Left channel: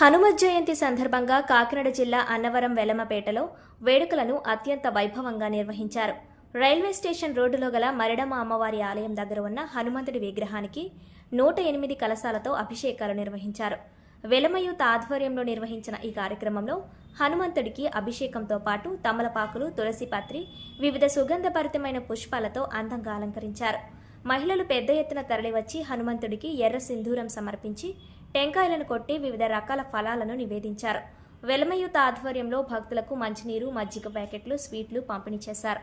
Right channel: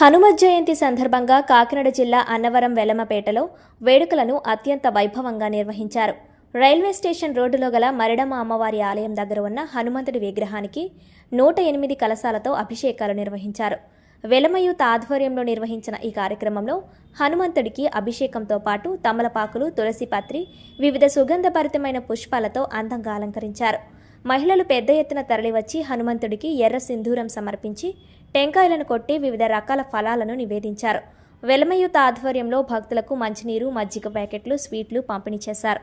హనుమత్ జయంతి సందర్భంగా కాకినాడ జిల్లా అన్నవరం వెలమపేటలో వేడుకలను అత్యంత వైభవంగా నిర్వహించారు. రైల్వే స్టేషన్ రోడ్డులో గల మరిడమ్మ అమ్మవారి ఆలయం దగ్గర ఉన్న హనుమంతుడి విగ్రహానికి 108 కలశాలతో అభిషేకాలు నిర్వహించారు. వెలమయూత్ ఆధ్వర్యంలో నిర్వహించిన ఈ కార్యక్రమంలో హనుమంతుడికి అభిషేకంతో పాటు తమలపాకులు, తులసి పత్రి, వివిధ సుగంధభరితమైన పుష్పాలతో అందంగా అలంకరించారు. మహిళలు పెద్ద ఎత్తున తరలివచ్చి హనుమంతుడికి ఎర్ర సింధూరం సమర్పించి టెంకాయలను కొట్టి వివిధ రకాల ఫలాలను నివేదించారు. వెలమయూత్ ఆధ్వర్యంలో భక్తులకు మంచినీరు, మజ్జిగ ప్యాకెట్లు, స్వీట్లు పంపిణీ చేశారు.